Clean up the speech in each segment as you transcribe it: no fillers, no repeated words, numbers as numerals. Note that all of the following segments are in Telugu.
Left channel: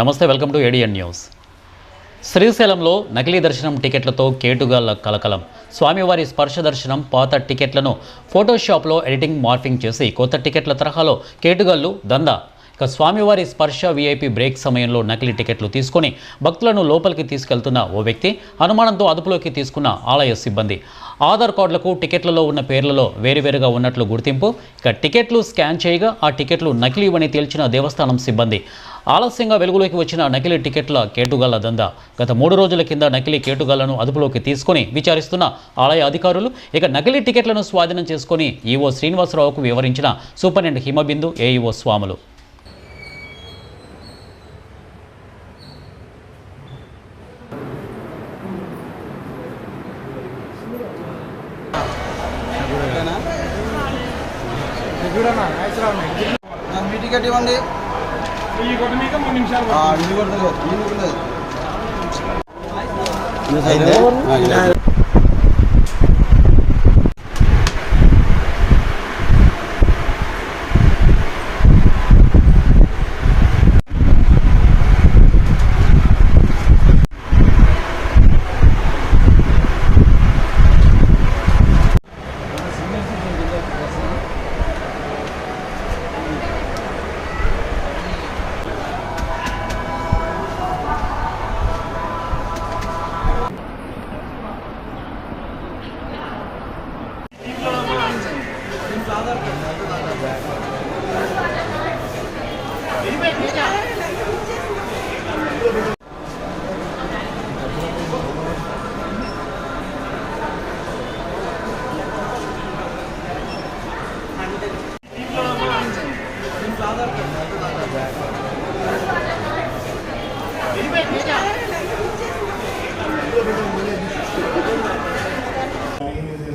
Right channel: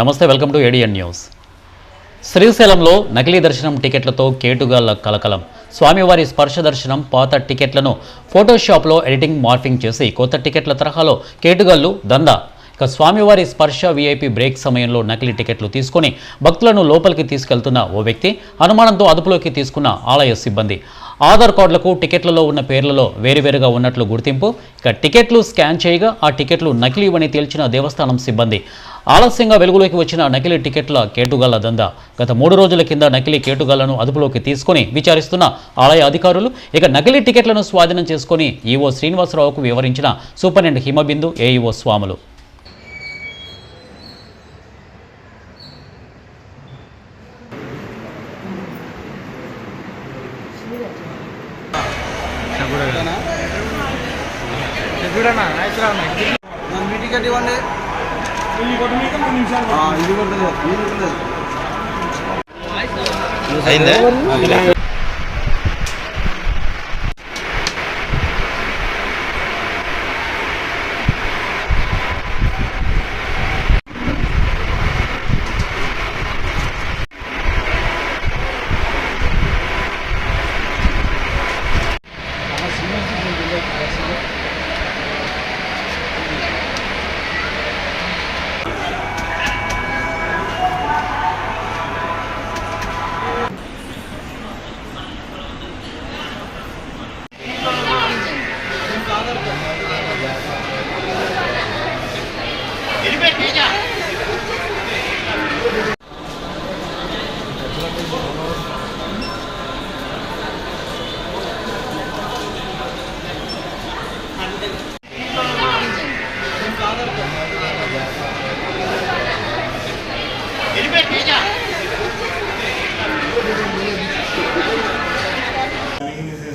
నమస్తే, వెల్కమ్ టు ఏడిఎన్ న్యూస్. శ్రీశైలంలో నకిలీ దర్శనం టికెట్లతో కేటుగాళ్ల కలకలం. స్వామివారి స్పర్శ దర్శనం పాత టికెట్లను ఫోటోషాప్లో ఎడిటింగ్ మార్ఫింగ్ చేసి కొత్త టికెట్ల తరహాలో కేటుగాళ్లు దందా. ఇక స్వామివారి స్పర్శ వీఐపీ బ్రేక్ సమయంలో నకిలీ టికెట్లు తీసుకొని భక్తులను లోపలికి తీసుకెళ్తున్న ఓ వ్యక్తి అనుమానంతో అదుపులోకి తీసుకున్న ఆలయ సిబ్బంది. ఆధార్ కార్డులకు టికెట్లలో ఉన్న పేర్లలో వేరువేరుగా ఉన్నట్లు గుర్తింపు. ఇక టికెట్లు స్కాన్ చేయగా ఆ టికెట్లు నకిలీవని తేల్చిన దేవస్థానం సిబ్బంది. ఆలస్యంగా వెలుగులోకి వచ్చిన నకిలీ టికెట్ల కేటుగాళ్ల దందా. గత 3 రోజుల కింద నకిలీ కేటుగాళ్లను అదుపులోకి తీసుకొని విచారిస్తున్న ఆలయ అధికారులు ఇక నకిలీ టికెట్లను స్వాధీనం చేసుకుని ఈవో శ్రీనివాసరావుకు వివరించిన సూపరింటెండెంట్ హిమబిందు, ఏఈఓ స్వాములు. టికెట్ ఇవ్వండి. అయిందా?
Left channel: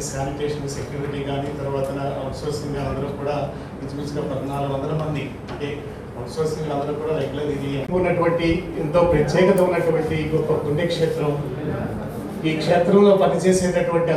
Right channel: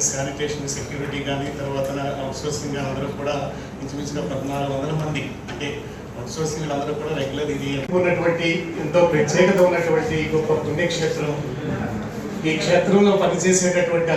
శానిటేషన్ సెక్యూరిటీ కానీ తర్వాత అవుట్సోర్సింగ్ అందరూ కూడా ఇంచుమించుగా 1400 మంది, అంటే అవుట్సోర్సింగ్ అందరూ కూడా రెగ్యులర్ ఇది ఉన్నటువంటి ఎంతో ప్రత్యేకత ఉన్నటువంటి గొప్ప పుణ్యక్షేత్రం. ఈ క్షేత్రంలో పనిచేసేటటువంటి